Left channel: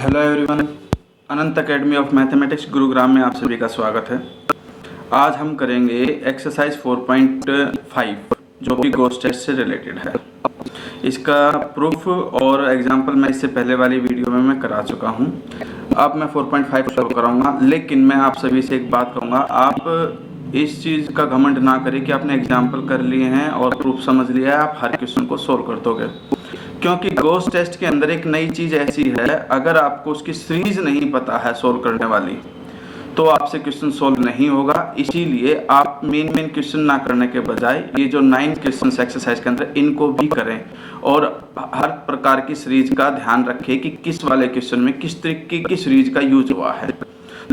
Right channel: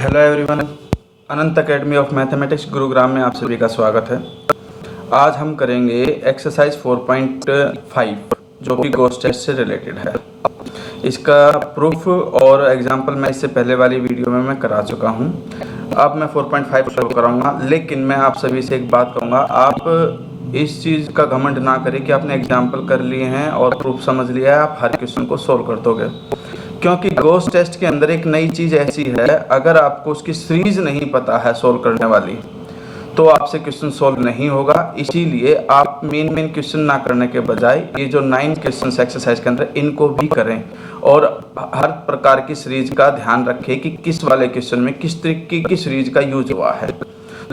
Hello everyone, Anant academy of mathematics Gurugram में आप सभी का स्वागत है। आज हम करेंगे एक्सरसाइज 4.5 जो कि गोस्ट टेस्ट से रिलेटेड है। इसका प्रूफ और एग्जांपल मैं इससे पहले वाली वीडियो में मैं करा चुका हूं। अब मैं 4.5 सॉल्व कराऊंगा, लेकिन मैं आप सभी से एक बात कहूँगा, आप इस चीज़ का घमंड ना करें कि आपने एग्जाम्पल कर लिए हैं और प्रूफ समझ लिया है, आप हर क्वेश्चन को सोल्व कर दोगे। क्योंकि गोस्ट टेस्ट के अंदर एक नई चीज़ ऐसी है, अगर आपको उसकी सीरीज नहीं पता है सोल्व करने वाली, तो आपसे क्वेश्चन सोल्व नहीं होगा। इसीलिए आप मेन क्वेश्चन ना करने के बजाय ये जो 9 क्वेश्चन एक्सरसाइज के अंदर इनको भी करें और हर प्रकार की सीरीज का ध्यान रखें कि किस वाले क्वेश्चन में किस तरीके की सीरीज का यूज हुआ है।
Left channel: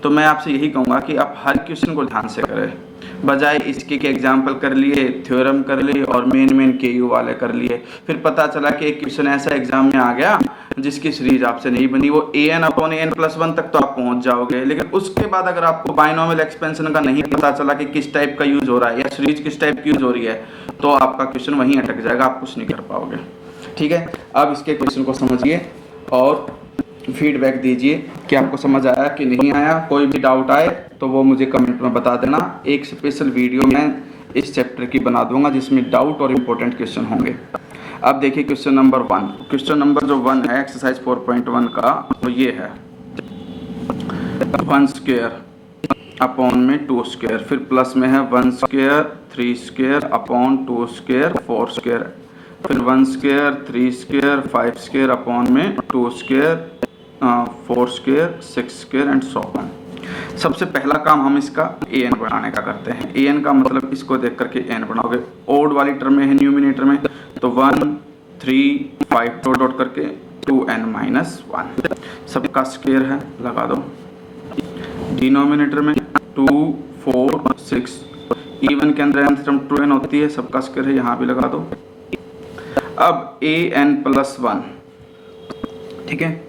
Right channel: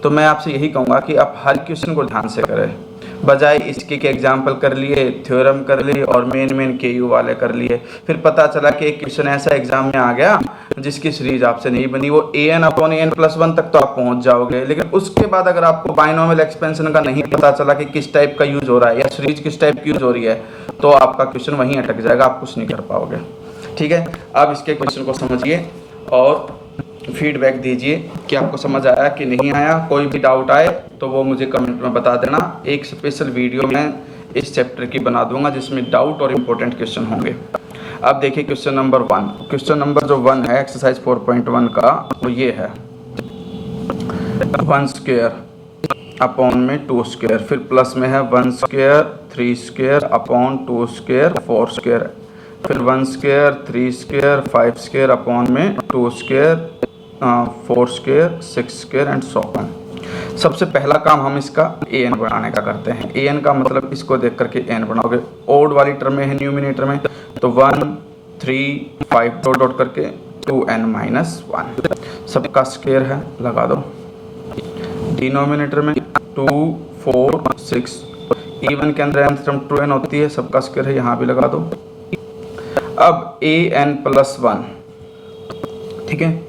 तो मैं आपसे यही कहूँगा कि आप हर क्वेश्चन को ध्यान से करें, बजाय इसके कि एग्जाम्पल कर लिए, थ्योरम कर लिए और मेन के यू वाले कर लिए। फिर पता चला कि एक क्वेश्चन ऐसा एग्जाम में आ गया जिसकी सीरीज आपसे नहीं बनी। वो an/n+1 तक तो आप पहुंच जाओगे, लेकिन उसके बाद अगर आपको बाइनोमियल एक्सपेंशन का नहीं पता चला कि किस टाइप का यूज हो रहा है या सीरीज किस टाइप की यूज हो रही है, तो आपका क्वेश्चन वहीं अटक जाएगा, आप कुछ नहीं कर पाओगे। ठीक है, अब इसके क्वेश्चन को समझिए और फीडबैक दीजिए कि आपको समझ आया कि नहीं आया। कोई भी डाउट आए तो वो मुझे कमेंट में बता देना। एक स्पेशल वीडियो मैं इस चैप्टर की बना दूंगा जिसमें डाउट और इम्पोर्टेंट क्वेश्चन होंगे। अब देखिए क्वेश्चन नंबर 1। क्वेश्चन नंबर जो 1 है एक्सरसाइज 4.1 का, वो ये है 1² अपॉन में 2², फिर प्लस में है 1² 3² अपॉन 2² 4², फिर 1² 3² 5² अपॉन में 2² 4² 6² एंड सो ऑन। सबसे पहला काम हम इसका an बनाने का करते हैं। an का मतलब इसको देख करके n बनाओगे। ओड वाली टर्म में है न्यूमिनेटर में, तो 1 3 5 डॉट डॉट करके 2n-1 सबका स्क्वायर है, लगा दो। डिनोमिनेटर में 2 4 6, इवन के अंदर nth टर्म 2n होती है, सबका स्क्वायर है, यहाँ भी लगा दो। अब an+1, ठीक है।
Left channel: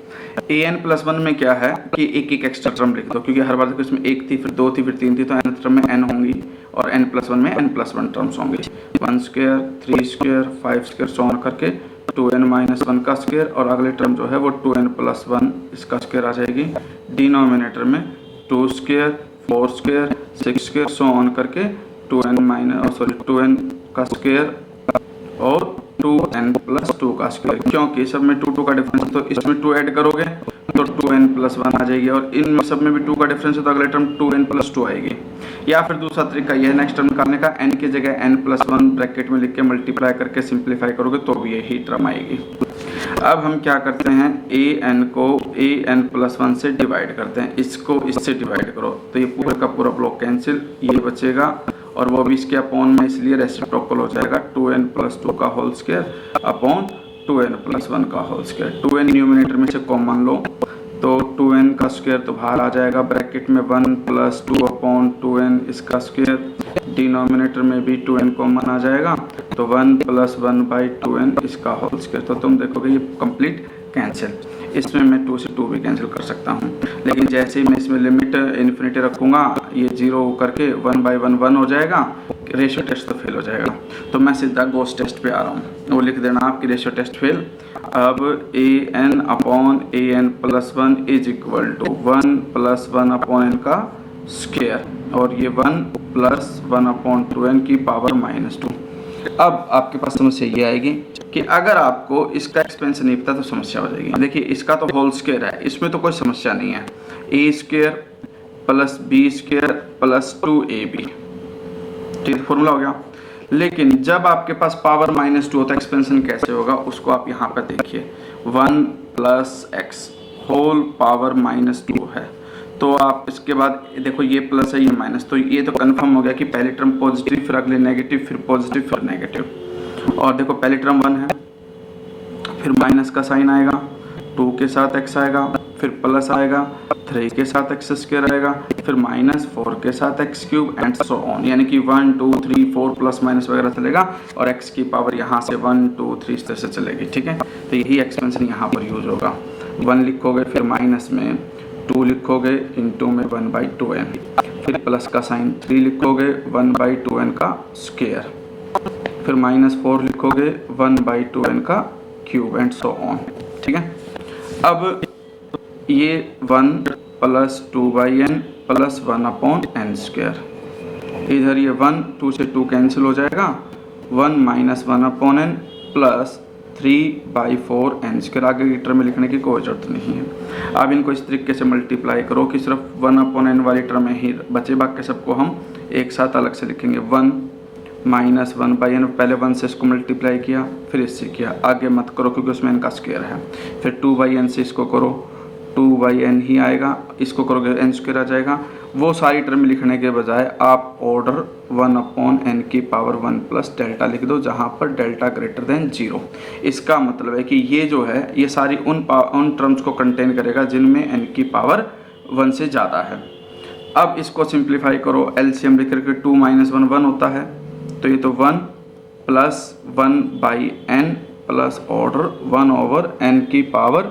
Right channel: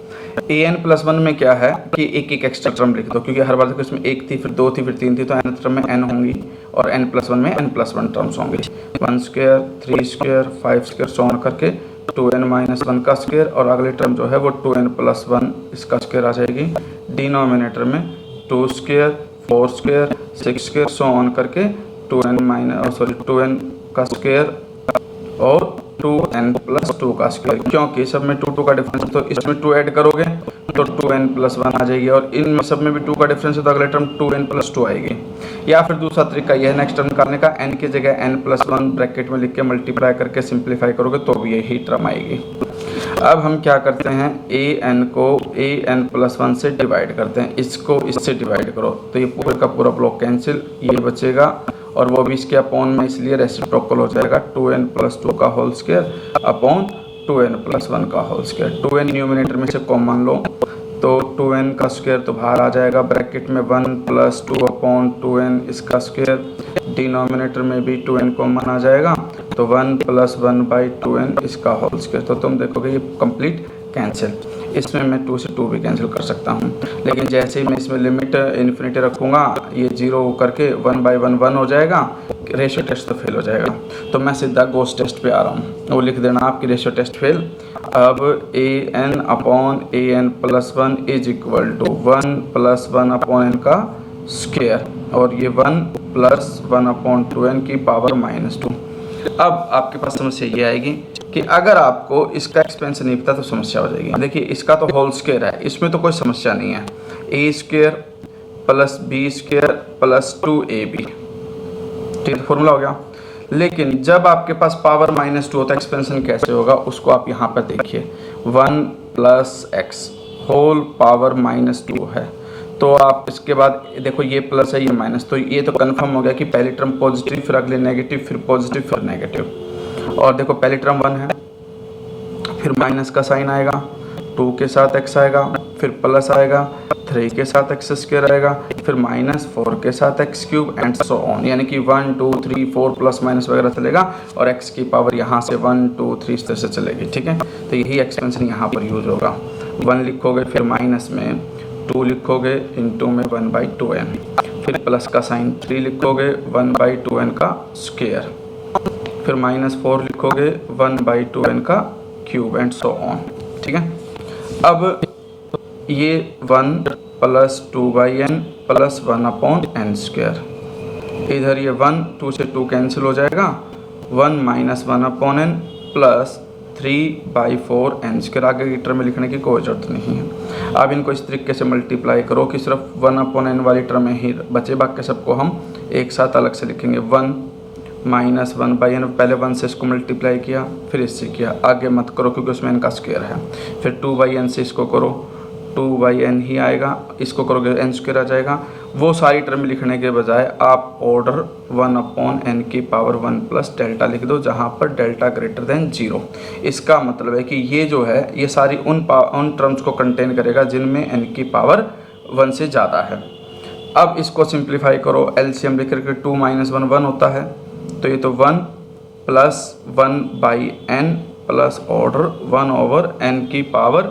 an+1 में क्या है कि एक एक एक्स्ट्रा टर्म लिख दो, क्योंकि हर बार देखो इसमें 1 थी, फिर 2 थी, फिर 3 थी, तो nth टर्म में n होंगी और n+1 में n+1 टर्म्स होंगी। 1² 3² 5² सो ऑन करके 2n-1 का स्क्वायर, और अगली टर्म जो है वो 2n+1 इसका स्क्वायर आ जाएगी। डिनोमिनेटर में 2² 4² 6² सो ऑन करके 2n का स्क्वायर और 2n+2 का स्क्वायर। क्योंकि सब में 2 का डिफरेंस, तो इसमें 2 ऐड करोगे तो 2n+1 आ जाएगी, और इन सब में भी 2 का डिफरेंस है तो अगले टर्म 2n+2 आएगी। या फिर दूसरा तरीका यह है नेक्स्ट टर्म निकालने का, n की जगह n+1 ब्रैकेट में लिख के मल्टीप्लाई करके सिंप्लीफाई करोगे तो भी यही टर्म आएगी। अब हम क्या करते हैं, an को an+1 से डिवाइड करते हैं, इसको इससे डिवाइड करो तो ये पूरे का पूरा ब्लॉक कैंसिल, ये बचेगा और वो भी इसके अपॉन में, इसलिए रेसिप्रोकल हो जाएगा 2n+2 का होल स्क्वायर अपॉन 2n+1 का होल स्क्वायर। 2n न्यूमिनेटर में से कॉमन लो तो 2n का स्क्वायर तो बाहर आ जाएगा, ब्रैकेट में 1+2 अपॉन 2n इसका स्क्वायर। डिनोमिनेटर में भी 2n कॉमन आ जाएगा तो 1+1/2n इसका होल स्क्वायर। तो तुम देखोगे ये कंप्लीट कैंसिल। इसमें मैं 2 से 2 भी कैंसिल कर सकता हूँ, लेकिन जैसे ही मैं इसमें लिमिट इन्फिनिटी रखूँगा ये 0 करके 1/1 1 हो जाएगा, रेशियो टेस्ट तो फेल हो जाएगा। तो मैं सीधा गोस्ट टेस्ट पे आ रहा हूँ, वो लिख देना आपकी रेशियो टेस्ट फेल। अब an/an+1 is equal to 1+1/n का स्क्वायर, और ये 1+1/2n की पावर -2। अब आपके पास समस्या ये आएगी कि अगर आपको इसका एक्सपेंशन नहीं पता तो समस्या हो जाएगी। देखिए इसका तो होल स्क्वायर है, इसमें तो कोई समस्या नहीं है। a² + b² + 2ab, ठीक है, फॉर्मूला हो गया। लेकिन जब आपके पास पावर -2 होता है, एक्सपेंशन कैसे होगा उसको आप यहाँ पर देखिए, 1 + x होल पावर -2 है, तो आप इसके बाद देखो ये प्लस है ये माइनस, तो ये तो कंफर्म हो गया कि पहली टर्म पॉजिटिव, फिर अगले नेगेटिव, फिर पॉजिटिव, फिर नेगेटिव। और देखो पहली टर्म 1 है, फिर माइनस का साइन आएगा, 2 के साथ x आएगा, फिर प्लस आएगा, 3 के साथ x² आएगा, फिर -4 के साथ x³ एंड सो ऑन, यानी कि 1 2 3 4 प्लस माइनस वगैरह चलेगा, और x की पावर यहाँ से 1 2 3 इस तरह से चलेगी। ठीक है, तो यही एक्सपेंशन यहाँ पर यूज होगा। 1 लिखोगे, फिर माइनस में 2 लिखोगे, इंटू में 1/2n, फिर प्लस का साइन 3 लिखोगे, 1/2n का स्क्वायर, फिर -4 लिखोगे, 1/2n का क्यूब एंड सो ऑन। ठीक है, अब ये 1 प्लस 2/n प्लस 1/n²। इधर ये 1 2 से 2 कैंसिल हो जाएगा, 1 माइनस 1/n प्लस 3/4n²। आगे की टर्म में लिखने की कोई ज़रूरत नहीं है। अब इनको इस तरीके से मल्टीप्लाई करो कि सिर्फ 1/n वाली टर्म ही बचे, बाकी सबको हम एक साथ अलग से लिखेंगे। 1 माइनस 1/n, पहले 1 से इसको मल्टीप्लाई किया फिर इससे किया, आगे मत करो क्योंकि उसमें n का स्क्वायर है। फिर 2/n से इसको करो, 2/n ही आएगा, इसको करोगे n² आ जाएगा। वो सारी टर्म लिखने के बजाय आप ऑर्डर 1/n की पावर 1 प्लस डेल्टा लिख दो, जहाँ पर डेल्टा ग्रेटर देन 0। इसका मतलब है कि ये जो है ये सारी उन टर्म्स को कंटेन करेगा जिनमें n की पावर 1 से ज़्यादा है। अब इसको सिंप्लीफाई करो, एलसीएम लिख करके 2 माइनस 1 1 होता है, तो ये तो 1 plus 1/n plus order 1/n की पावर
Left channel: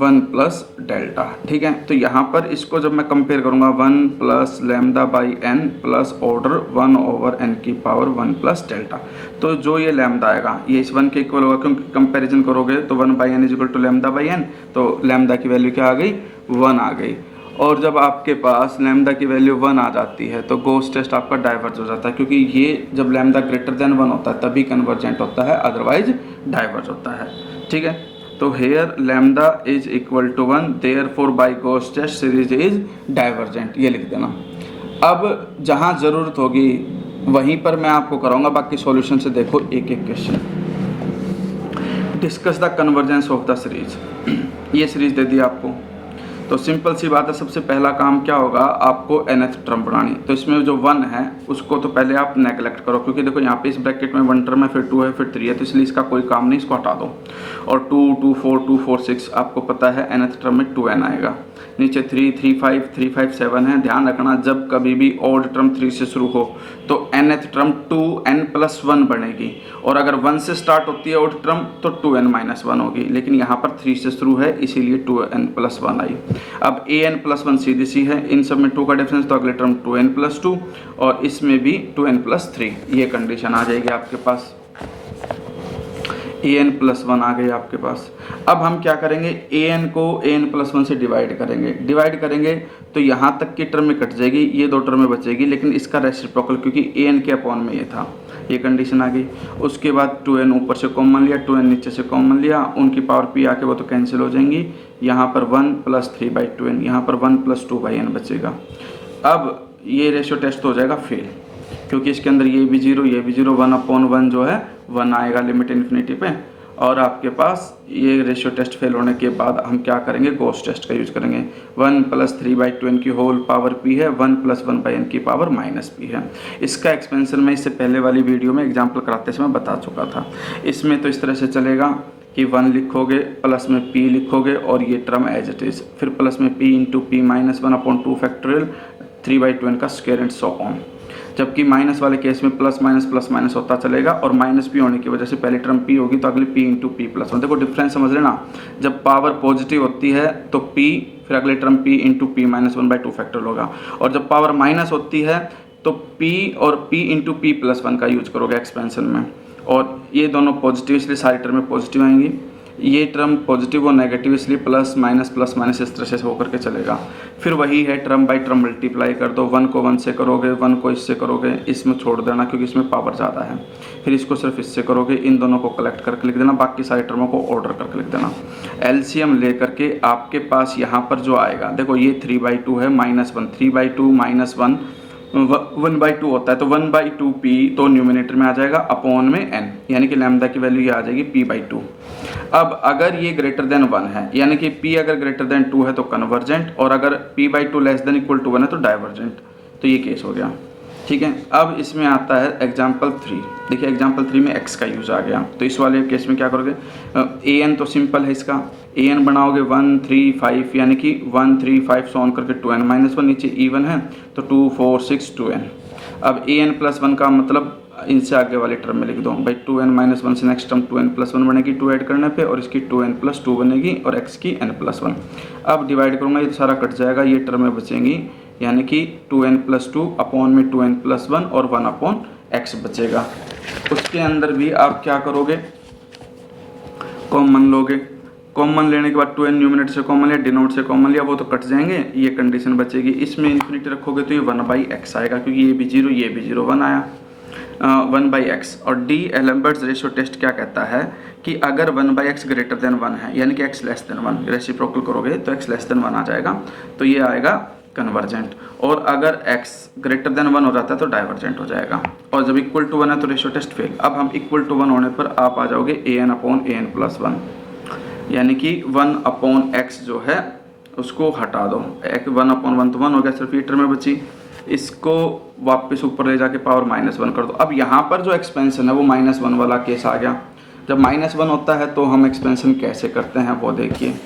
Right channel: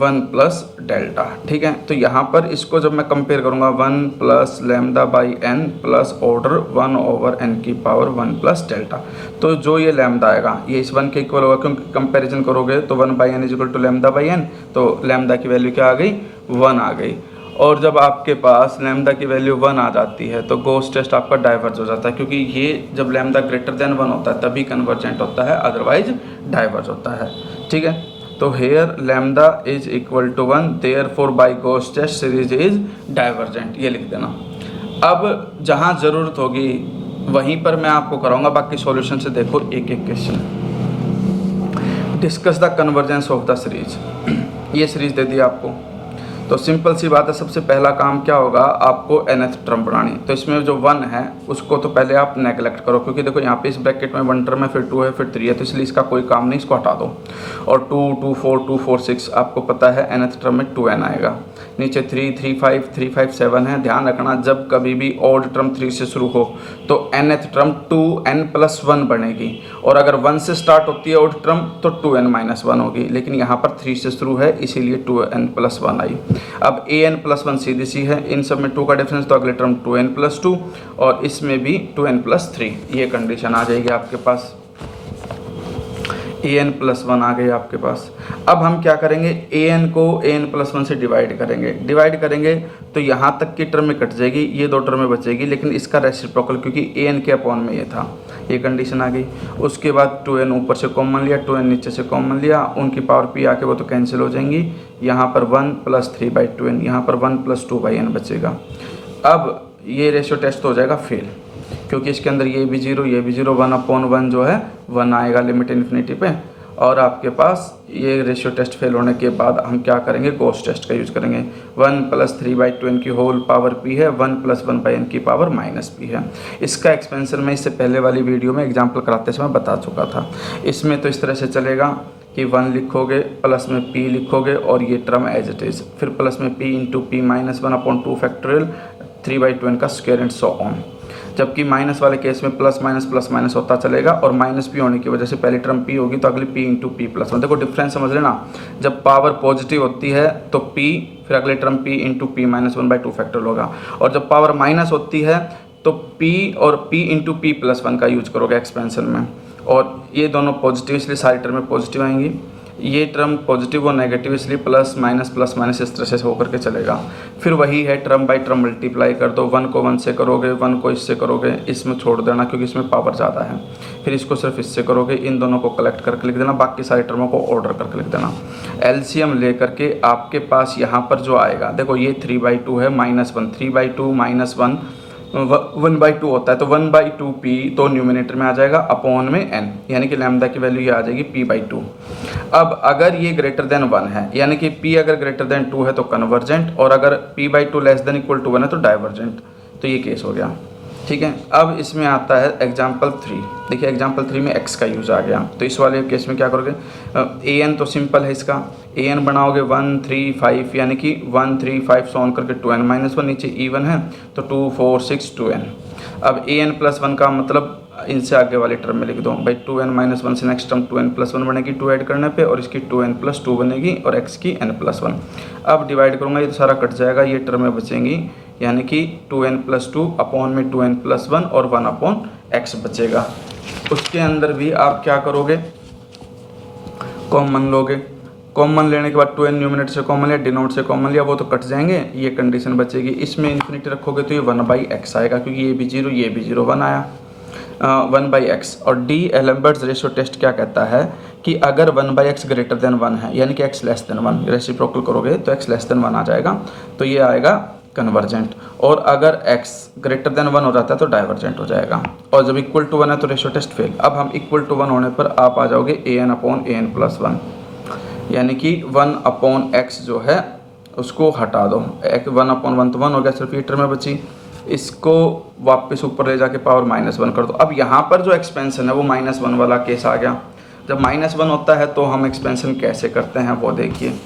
1 प्लस डेल्टा। ठीक है, तो यहाँ पर इसको जब मैं कंपेयर करूँगा 1 plus λ/n plus order 1/n की पावर 1 प्लस डेल्टा, तो जो ये लैम्डा आएगा ये इस 1 के इक्वल होगा, क्योंकि कंपैरिजन करोगे तो 1/n is equal to λ/n, तो लैम्डा की वैल्यू क्या आ गई, 1 आ गई। और जब आपके पास लैम्डा की वैल्यू 1 आ जाती है तो गोस टेस्ट आपका डाइवर्ज हो जाता है, क्योंकि ये जब लैम्डा ग्रेटर देन 1 होता है तभी कन्वर्जेंट होता है, अदरवाइज डाइवर्ज होता है। ठीक है, तो here lambda is equal to 1, therefore by Gauss test series is divergent, ये लिख देना। अब जहाँ ज़रूरत होगी वहीं पर मैं आपको कराऊंगा, बाकी सॉल्यूशन से देखो एक एक question. Discuss the convergence of the series, ये सीरीज दे दी आपको, तो सिंपल सी बात है, सबसे पहला काम क्या होगा, आपको nth टर्म बनानी। तो इसमें जो 1 है उसको तो पहले आप नेगलेक्ट करो, क्योंकि देखो यहाँ पे इस ब्रैकेट में 1 टर्म है, फिर 2 है, फिर 3 है, तो इसलिए इसका कोई काम नहीं, इसको हटा दो। और 2 2 4 2 4 6 आपको पता है nth टर्म में 2n आएगा। नीचे 3 3 5 3 5 7 है। ध्यान रखना जब कभी भी ऑड टर्म 3 से शुरू हो तो nth टर्म 2n+1 बनेगी, और अगर 1 से स्टार्ट होती है ऑड टर्म तो 2n-1 होगी, लेकिन यहाँ पर 3 से शुरू है इसीलिए 2n+1 आई। अब an+1 सीधी सी है, इन सब में 2 का डिफरेंस, तो अगले टर्म 2n+2 और इसमें भी 2n+3, ये कंडीशन आ जाएगी आपके पास। an+1 आ गए आपके पास। अब हम क्या करेंगे, an को an+1 से डिवाइड करेंगे तो यहाँ तक की टर्म में कट जाएगी, ये 2 टर्म में बचेगी, लेकिन इसका रेसिप्रोकल क्योंकि an के अपॉन में ये था, ये कंडीशन आ गई। उसके बाद 2n ऊपर से कॉमन लिया, 2n नीचे से कॉमन लिया, उनकी पावर p आके वो तो कैंसिल हो जाएंगी। यहाँ पर 1 प्लस 3/2n, यहाँ पर 1 प्लस 2/n बचेगा। अब ये रेशियो टेस्ट हो जाएगा फेल, क्योंकि इसके अंदर ये भी 0 ये भी 0, 1/1 जो है 1 आएगा लिमिट इन्फिनिटी पे। और आपके पास ये रेशियो टेस्ट फेल होने के बाद हम क्या करेंगे, गोस टेस्ट का यूज़ करेंगे। 1 प्लस 3/2n की होल पावर p है, 1 प्लस 1/n की पावर -p है। इसका एक्सपेंशन मैं इससे पहले वाली वीडियो में एग्जाम्पल कराते समय बता चुका था। इसमें तो इस तरह से चलेगा कि 1 लिखोगे, प्लस में p लिखोगे और ये टर्म एज इट इज़, फिर प्लस में p into p -1/2 factorial 3/2n का स्क्वायर एंड सो ऑन। जबकि माइनस वाले केस में प्लस माइनस होता चलेगा, और -p होने की वजह से पहली टर्म p होगी तो अगली p इंटू p+1। देखो डिफरेंस समझ लेना, जब पावर पॉजिटिव होती है तो p, फिर अगले term p into p-1/2 factorial होगा, और जब पावर माइनस होती है तो p और p इंटू p+1 का यूज करोगे एक्सपेंशन में, और ये दोनों पॉजिटिव इसलिए सारी टर्में पॉजिटिव आएंगी। ये टर्म पॉजिटिव और नेगेटिव इसलिए प्लस माइनस इस तरह से होकर के चलेगा। फिर वही है, टर्म बाय टर्म मल्टीप्लाई कर दो, 1 को 1 से करोगे, 1 को इससे करोगे, इसमें छोड़ देना क्योंकि इसमें पावर ज़्यादा है। फिर इसको सिर्फ इससे करोगे, इन दोनों को कलेक्ट करके लिख देना, बाकी सारी टर्मों को ऑर्डर करके लिख देना। एलसीएम ले करके आपके पास यहाँ पर जो आएगा, देखो ये 3/2 है, -1, 3/2 -1 1/2 होता है, तो 1/2p तो न्यूमिनेटर में आ जाएगा, अपॉन में n, यानी कि लैम्डा की वैल्यू ये आ जाएगी p/2। अब अगर ये ग्रेटर देन 1 है, यानी कि p अगर ग्रेटर देन 2 है तो कन्वर्जेंट, और अगर p/2 less than equal to 1 है तो डाइवर्जेंट। तो ये केस हो गया। ठीक है, अब इसमें आता है एग्जाम्पल 3। देखिए एग्जाम्पल 3 में x का यूज़ आ गया, तो इस वाले केस में क्या करोगे, an तो सिंपल है इसका, an बनाओगे 1 3 5, यानी कि 1 3 5 सॉन करके 2n-1, नीचे even है तो 2 4 6 2n। अब an+1 का मतलब इनसे आगे वाली टर्म में लिख दो भाई, 2n-1 से नेक्स्ट टर्म 2n+1 बनेगी 2 ऐड करने पे, और इसकी 2n+2 बनेगी और x की n+1। अब डिवाइड करूँगा, ये तो सारा कट जाएगा, ये टर्में बचेंगी, यानी कि 2n+2 अपॉन में 2n+1 और 1/x बचेगा। उसके अंदर भी आप क्या करोगे, कॉमन लोगे, कॉमन लेने के बाद 2n न्यूमिनेटर से कॉमन लिया, डिनोमिनेटर से कॉमन लिया, वो तो कट जाएंगे, ये कंडीशन बचेगी। इसमें इन्फिनिटी रखोगे तो ये 1/x आएगा, क्योंकि ये भी 0 ये भी 0, 1 आया, 1/x। और डी एलम्बर्ट्स रेशियो टेस्ट क्या कहता है कि अगर 1/x ग्रेटर देन 1 है, यानी कि x लेस देन 1, रेसिप्रोकल करोगे तो x लेस देन 1 आ जाएगा, तो ये आएगा कन्वर्जेंट। और अगर x ग्रेटर देन 1 हो जाता है तो डाइवर्जेंट हो जाएगा। और जब इक्वल टू 1 है तो रेशियो टेस्ट फेल। अब हम इक्वल टू 1 होने पर आप आ जाओगे an/an+1, यानी कि 1/x जो है उसको हटा दो, 1/1 तो 1 हो गया, सिर्फ ये टर्म बची, इसको वापस ऊपर ले जाके पावर -1 कर दो। अब यहाँ पर जो एक्सपेंशन है वो -1 वाला केस आ गया। जब -1 होता है तो हम एक्सपेंशन कैसे करते हैं वो देखिए।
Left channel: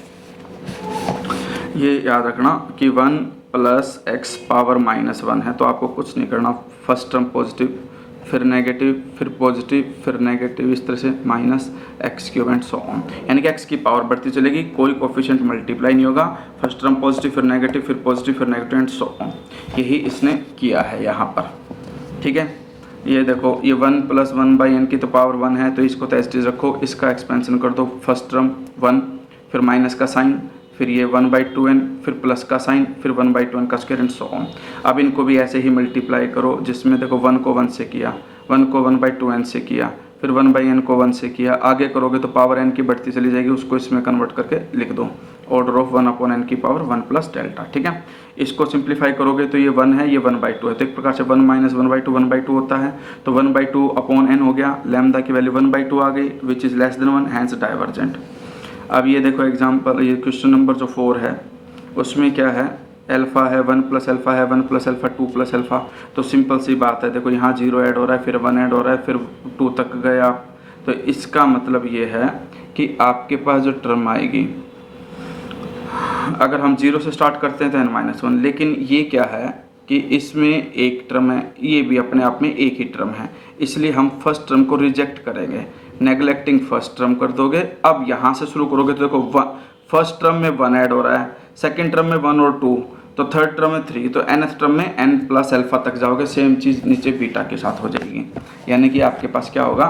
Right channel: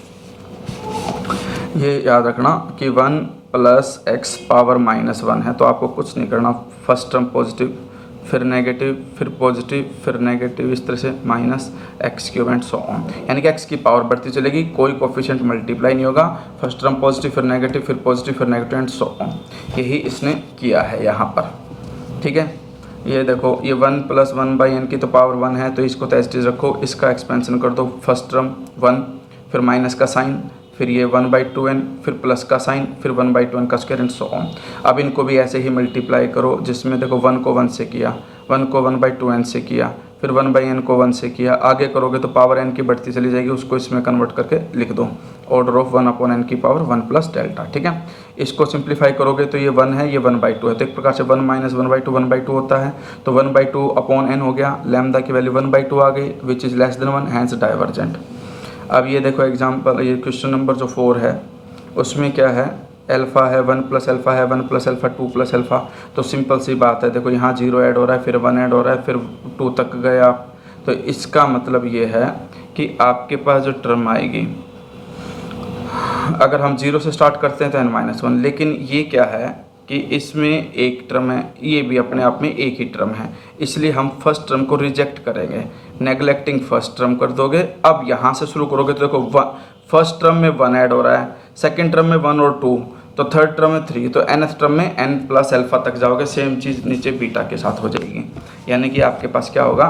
ये याद रखना कि 1 + x पावर -1 है, तो आपको कुछ नहीं करना, फर्स्ट टर्म पॉजिटिव, फिर नेगेटिव, फिर पॉजिटिव, फिर नेगेटिव, इस तरह से -x³ एंड सो ऑन, यानी कि x की पावर बढ़ती चलेगी, कोई कोफिशिएंट मल्टीप्लाई नहीं होगा, फर्स्ट टर्म पॉजिटिव, फिर नेगेटिव, फिर पॉजिटिव, फिर नेगेटिव एंड सो ऑन। यही इसने किया है यहाँ पर, ठीक है। ये देखो, ये 1 + 1/n की तो पावर 1 है, तो इसको तो एज इट इज रखो, इसका एक्सपेंशन कर दो, फर्स्ट टर्म 1, फिर माइनस का साइन, फिर ये 1/2n, फिर प्लस का साइन, फिर 1/2n का स्क्वायर एंड सो ऑन। अब इनको भी ऐसे ही मल्टीप्लाई करो, जिसमें देखो 1 को 1 से किया, 1 को 1/2n से किया, फिर 1/n को 1 से किया, आगे करोगे तो पावर n की बढ़ती चली जाएगी, उसको इसमें कन्वर्ट करके लिख दो, ऑर्डर ऑफ 1/n की पावर 1 + डेल्टा, ठीक है। इसको सिंप्लीफाई करोगे तो ये 1 है, ये 1/2 है, तो एक प्रकार से 1 - 1/2 1/2 होता है, तो 1/2/n हो गया, लैम्डा की वैल्यू 1/2 आ गई, which is less than 1, hence divergent. अब ये देखो एग्जांपल, ये क्वेश्चन नंबर जो 4 है उसमें क्या है, अल्फ़ा है, 1 + अल्फ़ा है, 1 + अल्फ़ा, 2 + अल्फ़ा, तो सिंपल सी बात है, देखो यहाँ 0 ऐड हो रहा है, फिर 1 ऐड हो रहा है, फिर 2 तक गए आप, तो इसका मतलब ये है कि आपके पास जो टर्म आएगी, अगर हम 0 से स्टार्ट करते हैं तो n-1, लेकिन ये क्या है कि इसमें एक टर्म है, ये भी अपने आप में एक ही टर्म है, इसलिए हम फर्स्ट टर्म को रिजेक्ट करेंगे, नेगलेक्टिंग फर्स्ट टर्म कर दोगे। अब यहाँ से शुरू करोगे तो देखो फर्स्ट टर्म में 1 ऐड हो रहा है, सेकंड टर्म में 1 और 2, तो थर्ड टर्म में 3, तो nth टर्म में n + अल्फ़ा तक जाओगे, सेम चीज़ नीचे बीटा के साथ हो जाएगी, यानी कि आपके पास क्या होगा,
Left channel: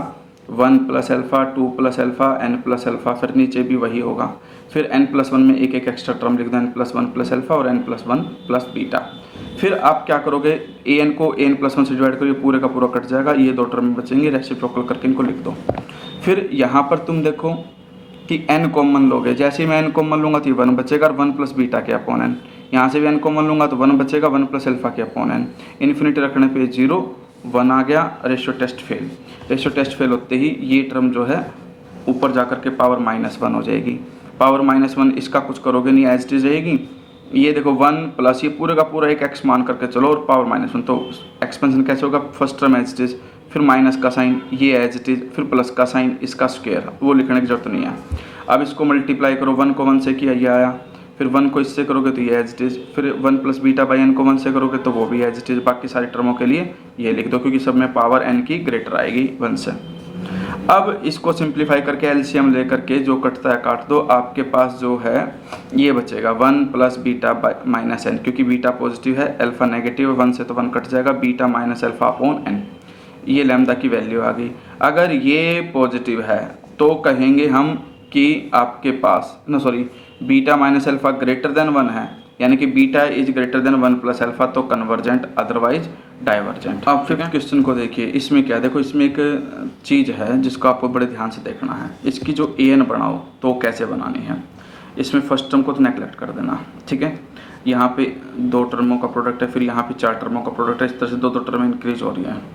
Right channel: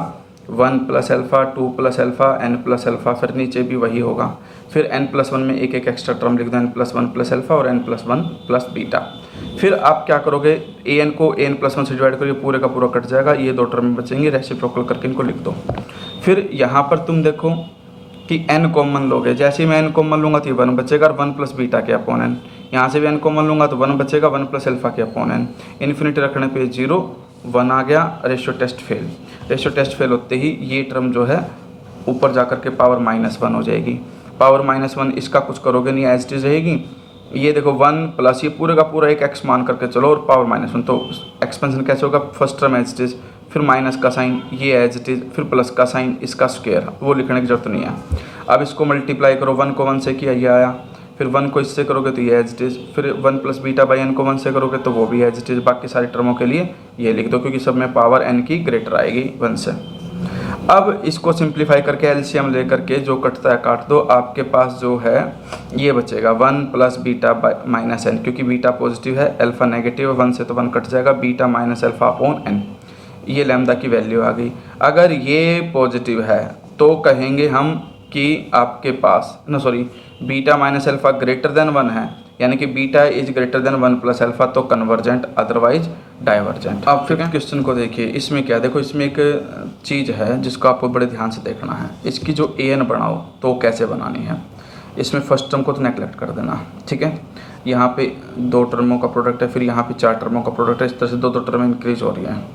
1 + अल्फ़ा, 2 + अल्फ़ा, n + अल्फ़ा, फिर नीचे भी वही होगा, फिर n+1 में एक एक एक्स्ट्रा टर्म लिख दो, n+1 + अल्फ़ा और n+1 + बीटा। फिर आप क्या करोगे, an को n+1 से डिवाइड करोगे, पूरे का पूरा कट जाएगा, ये 2 टर्म बचेंगे, रेसिप्रोकल करके इनको लिख दो। फिर यहाँ पर तुम देखो कि n कॉमन लोगे, जैसे ही मैं n कॉमन लूँगा तो ये 1 बचेगा, और 1 + बीटा के अपॉन n, यहाँ से भी n कॉमन लूँगा तो 1 बचेगा, 1 + अल्फ़ा के अपॉन n, इन्फिनिटी रखने पे 0 1 आ गया, ratio test fail. Ratio test fail होते ही ये टर्म जो है ऊपर जा कर के पावर -1 हो जाएगी, पावर -1 इसका कुछ करोगे नहीं, एज इट इज रहेगी। ये देखो 1 प्लस ये पूरे का पूरा एक x मान करके चलो, और पावर -1, तो एक्सपेंशन कैसे होगा, first term as it is, फिर माइनस का साइन, ये एज इट इज, फिर प्लस का साइन, इसका स्क्वायर, वो लिखने की जरूरत नहीं है। अब इसको मल्टीप्लाई करो, 1 को 1 से किया, ये आया, फिर 1 को इससे करोगे तो ये एज इट इज, फिर 1 + β/n को 1 से करोगे तो वो भी एज इट इज, बाकी सारी टर्मों के लिए ये लिख दो, क्योंकि सब में पावर n की ग्रेटर आएगी 1 से। अब इसको सिंप्लीफाई करके एलसीएम ले करके जो कटता है काट दो, आपके पास जो है ये बचेगा 1 + β/n, क्योंकि बीटा पॉजिटिव है, अल्फ़ा नेगेटिव है, 1 से तो 1 कट जाएगा, बीटा - अल्फ़ा/n, ये लैम्डा की वैल्यू आ गई। अगर ये पॉजिटिव है तो कहेंगे हम कि आपके पास बीटा - अल्फ़ा ग्रेटर देन 1 है, यानी कि beta is greater than 1 + alpha, तो कन्वर्जेंट, अदरवाइज डाइवर्जेंट। अब फिफ्थ क्वेश्चन को देखिए, इसमें क्या देखो, इसमें एक चीज़ है जिसको आपको बड़े ध्यान से देखना है, इसकी जो an बनाओ तो कैसे बनानी है। इसमें फर्स्ट टर्म को तो नेगलेक्ट कर देना, ठीक है, यहाँ पे 2 टर्मों का प्रोडक्ट है, फिर यहाँ पे 4 टर्मों का प्रोडक्ट है, इस तरह से 2 टर्म इंक्रीज हो रही हैं।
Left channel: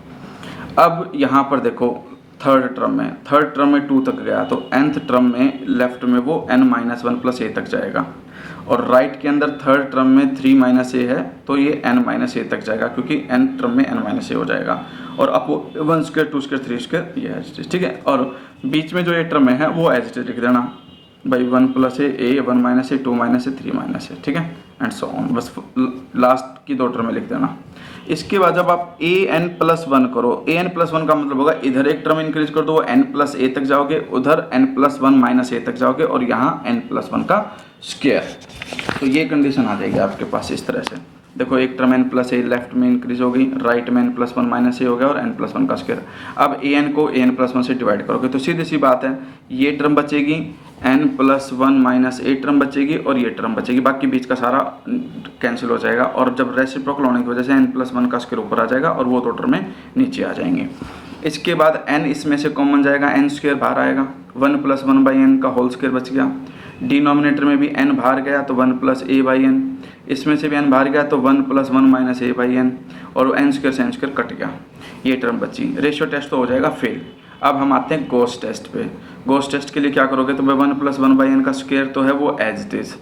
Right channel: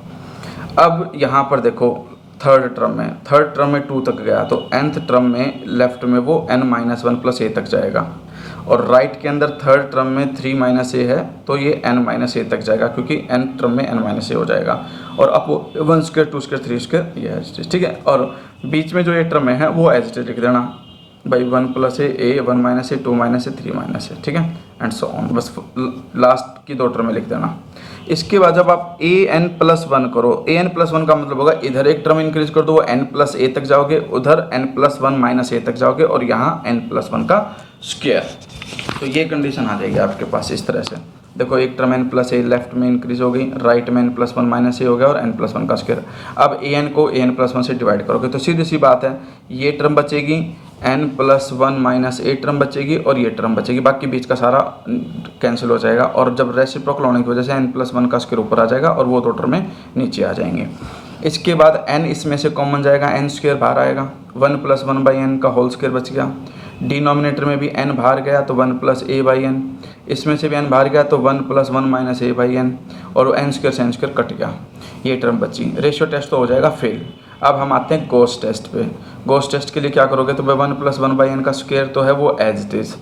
अब यहाँ पर देखो थर्ड टर्म में 2 तक गया, तो nth टर्म में लेफ्ट में वो n-1 + a तक जाएगा, और राइट के अंदर थर्ड टर्म में 3 - a है, तो ये n-a तक जाएगा, क्योंकि n टर्म में n-a हो जाएगा, और अब 1² 2² 3² ये है, ठीक है। और बीच में जो ये टर्म है वो एज इट इज लिख देना भाई, 1 + a, 1 - a, 2 - a, 3 - a, ठीक है, एंड सो ऑन, बस लास्ट की 2 टर्में लिख देना। इसके बाद जब आप an+1 करो, an+1 का मतलब होगा इधर एक टर्म इंक्रीज कर दो, वो n+a तक जाओगे, उधर n+1 - a तक जाओगे, और यहाँ n+1 का स्क्वायर, तो ये कंडीशन आ जाएगी आपके पास इस तरह से। देखो एक टर्म n+a लेफ्ट में इंक्रीज हो गई, राइट में n+1 - a हो गया, और n+1 का स्क्वायर। अब an को an+1 से डिवाइड करोगे तो सीधी सी बात है, ये टर्म बचेगी, n plus 1 minus a term बचेगी और ये टर्म बचेगी, बाकी बीच का सारा कैंसिल हो जाएगा। और जब रेसिप्रोकल होने की वजह से n प्लस 1 का स्क्वायर ऊपर आ जाएगा और वो दो टर्में नीचे आ जाएंगे। इसके बाद n इसमें से कॉमन जाएगा, n स्क्वायर बाहर आएगा, 1 प्लस 1 बाई एन का होल स्क्वायर बच गया। डिनोमिनेटर में भी n बाहर गया तो 1 प्लस ए बाई एन, इसमें से भी n बाहर गया तो 1 plus 1 minus a by n, और n स्क्वायर से n स्क्वायर कट गया, ये टर्म बची। रेशियो टेस्ट तो हो जाएगा फेल। अब हम आते हैं गोस टेस्ट पे। गोस टेस्ट के लिए क्या करोगे, तो भाई 1 प्लस 1 बाई एन का स्क्वायर तो है वो एज इट इज़,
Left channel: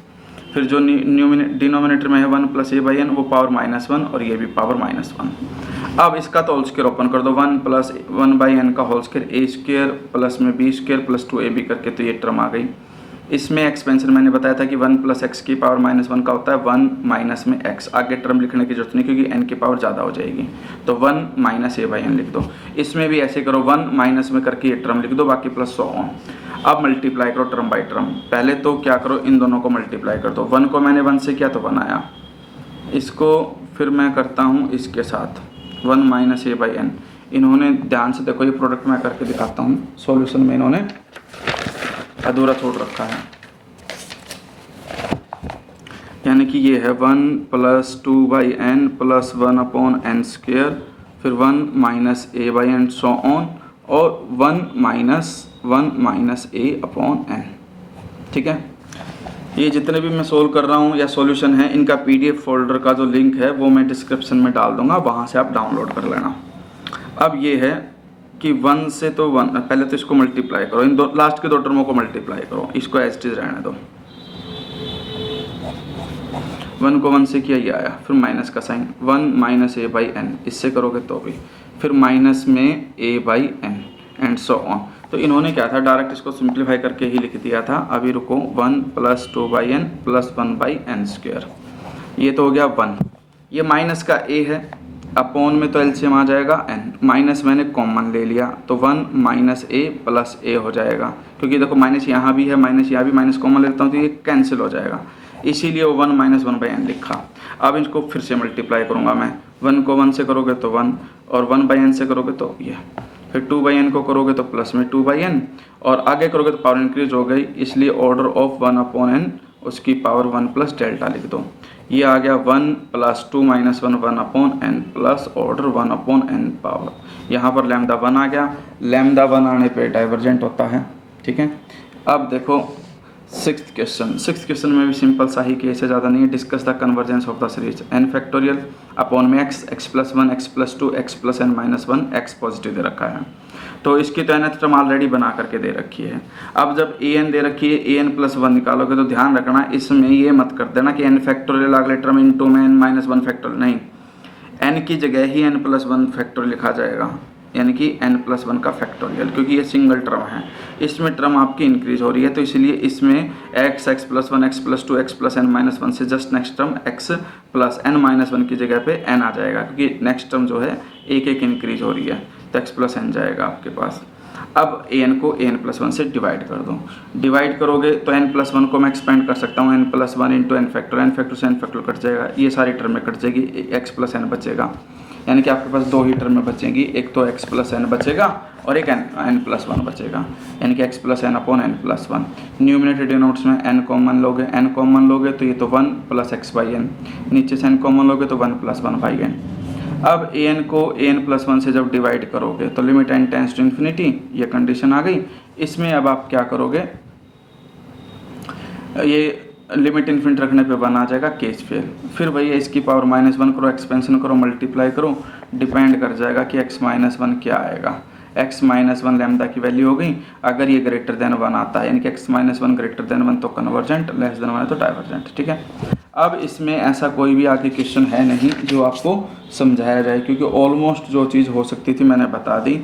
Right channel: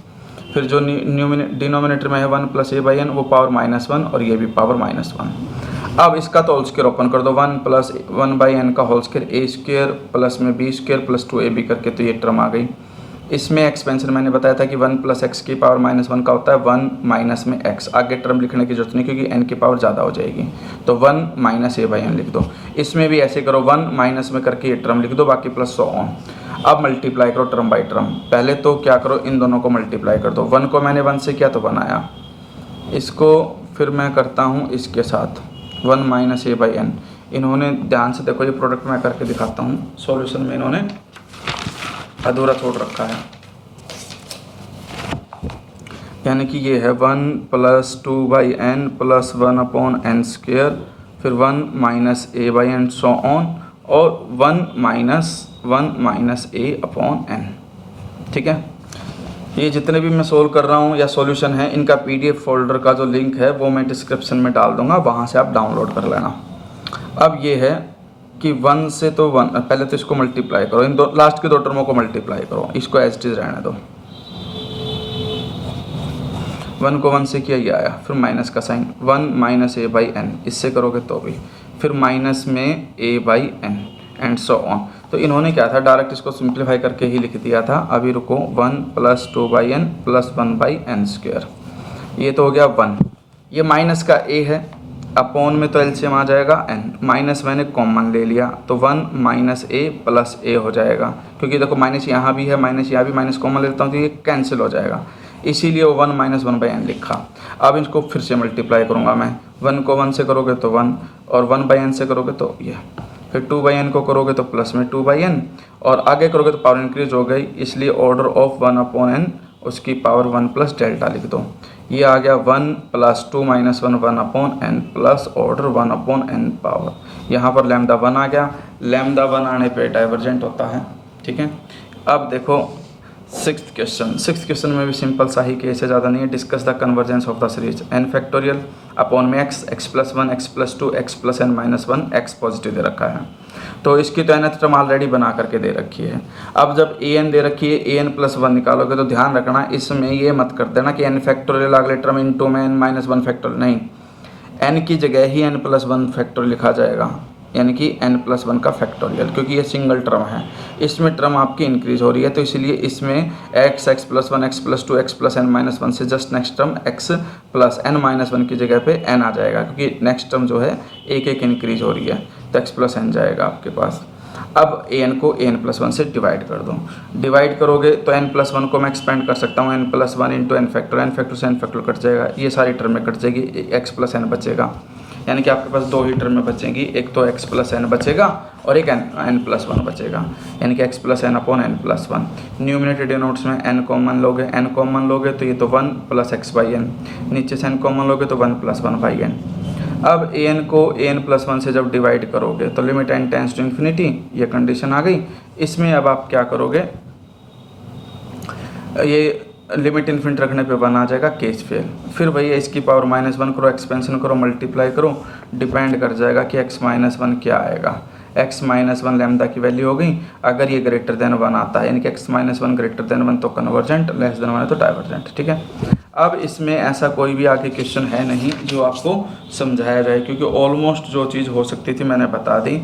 फिर जो डिनोमिनेटर में है 1 प्लस ए बाई एन वो पावर -1 और ये भी पावर -1। अब इसका तो होल स्क्वायर ओपन कर दो, 1 प्लस 1 बाई एन का होल स्क्वायर ए स्क्वायर प्लस में बी स्क्वायर प्लस 2ab करके, तो ये टर्म आ गई। इसमें एक्सपेंशन मैंने बताया था कि 1 प्लस एक्स की पावर -1 का होता है 1 माइनस में x, आगे टर्म लिखने की जरूरत नहीं क्योंकि n की पावर ज़्यादा हो जाएगी, तो 1 माइनस ए बाई एन लिख दो। इसमें भी ऐसे करो, 1 माइनस में करके ये टर्म लिख दो, बाकी प्लस 100 ऑन। अब मल्टीप्लाई करो टर्म बाई टर्म। पहले तो क्या करो, इन दोनों को मल्टीप्लाई कर दो। 1 को मैंने 1 से किया तो 1 आया, इसको फिर मैं करता हूँ इसके साथ 1 माइनस ए बाई एन। इन्होंने ध्यान से देखो, ये प्रोडक्ट मैं करके दिखाता हूँ, सॉल्यूशन में इन्होंने अधूरा छोड़ रखा है, यानी कि ये है 1 plus 2 by n plus 1 upon n square, फिर 1 minus a by n so on, और 1 माइनस ए अपॉन एन। ठीक है, ये जितने भी मैं सोल्व कर रहा हूँ या सॉल्यूशन है, इनका पीडीएफ फोल्डर का जो लिंक है वो मैं डिस्क्रिप्शन में डाल दूंगा, वहाँ से आप डाउनलोड कर लेना। अब ये है कि 1 से तो 1, पहले तो इसको मल्टीप्लाई करो, इन दो लास्ट के दो टर्मों को मल्टीप्लाई करो, इसको एज इट इज रहने दो। 1 को 1 से किया, ये आया, फिर माइनस का sign, 1 minus a by n, इससे करोगे तो भी, फिर माइनस में a by n and so on. तो इन्होंने क्या था, डायरेक्ट इसको सिंप्लीफाई करके ही लिख दिया था। अभी रुको, 1 plus 2 by n plus 1 by n square, ये तो हो गया 1। ये माइनस का ए है, अपॉन में तो एलसीएम आ जाएगा n, माइनस मैंने कॉमन ले लिया तो 1 माइनस ए प्लस ए हो जाएगा, क्योंकि देखो माइनस यहाँ भी है, माइनस यहाँ भी, माइनस कॉमन लेता हूँ तो ये कैंसिल हो जाएगा, इसीलिए वो 1 माइनस 1 बाई एन लिखा। अब इसको फिर से मल्टीप्लाई करूँगा मैं, 1 को 1 से करोगे तो 1, और 1 बाई एन से करोगे तो ये, फिर 2 बाई एन को करोगे तो प्लस में 2 बाई एन, और आगे करोगे तो पावर इंक्रीज हो गई, इसलिए ऑर्डर ऑफ 1 अपॉन एन, उसकी पावर 1 प्लस डेल्टा लिख दो। ये आ गया 1 plus 2 minus 1 1 upon n plus order 1 upon n power, यहाँ पर लैम्डा 1 आ गया। लैम्डा 1 आने पे डाइवर्जेंट होता है। ठीक है, अब देखो 6th क्वेश्चन में भी सिंपल सा ही केस है, ज़्यादा नहीं है। Discuss the convergence of the series n factorial upon में x plus 1 x plus 2 x plus n minus 1 x positive दे रखा है, तो इसकी तो nth टर्म ऑलरेडी बना करके दे रखी है। अब जब an दे रखी है, an प्लस 1 निकालोगे तो ध्यान रखना इसमें ये मत कर देना कि n फैक्टोरियल अगले टर्म इंटू में n माइनस 1 फैक्टोरियल, नहीं, n की जगह ही n प्लस 1 फैक्टोरियल लिखा जाएगा, यानी कि n प्लस 1 का फैक्टोरियल, क्योंकि ये सिंगल टर्म है, इसमें टर्म आपकी इंक्रीज हो रही है, तो इसलिए इसमें x plus 1 x plus 2 x plus n minus 1 से just next term x plus n minus 1 की जगह पे n आ जाएगा, क्योंकि नेक्स्ट टर्म जो है एक एक इंक्रीज हो रही है, तो x प्लस n जाएगा आपके पास। अब an को an प्लस 1 से डिवाइड कर दो, डिवाइड करोगे तो n प्लस 1 को मैं एक्सपेंड कर सकता हूँ, n plus 1 into n factor से n फैक्टर कट जाएगा, ये सारी टर्म में कट जाएगी, x प्लस n बचेगा, यानी कि आपके पास दो ही टर्म में बचेंगी, एक तो x प्लस n बचेगा और एक n प्लस 1 बचेगा, यानी कि x plus n upon n plus 1। Numerator denotes में n कॉमन लोगे तो ये तो 1 प्लस x बाई n, नीचे से n कॉमन लोगे तो 1 प्लस 1 बाई n। अब an को an प्लस 1 से जब डिवाइड करोगे तो limit n tends to infinity, ये कंडीशन आ गई। इसमें अब आप क्या करोगे, ये लिमिट इन्फिनिट रखने पे बना जाएगा केस फेल, फिर भैया इसकी पावर -1 करो, एक्सपेंशन करो, मल्टीप्लाई करो, डिपेंड कर जाएगा कि x माइनस 1 क्या आएगा। x माइनस 1 लैम्डा की वैल्यू हो गई, अगर ये ग्रेटर देन 1 आता है, यानी कि x माइनस 1 ग्रेटर देन 1 तो कन्वर्जेंट, लेस देन 1 है तो डाइवर्जेंट। ठीक है, अब इसमें ऐसा कोई भी आगे क्वेश्चन है नहीं जो आपको समझाया जाए, क्योंकि ऑलमोस्ट जो चीज़ हो सकती थी मैंने बता दी।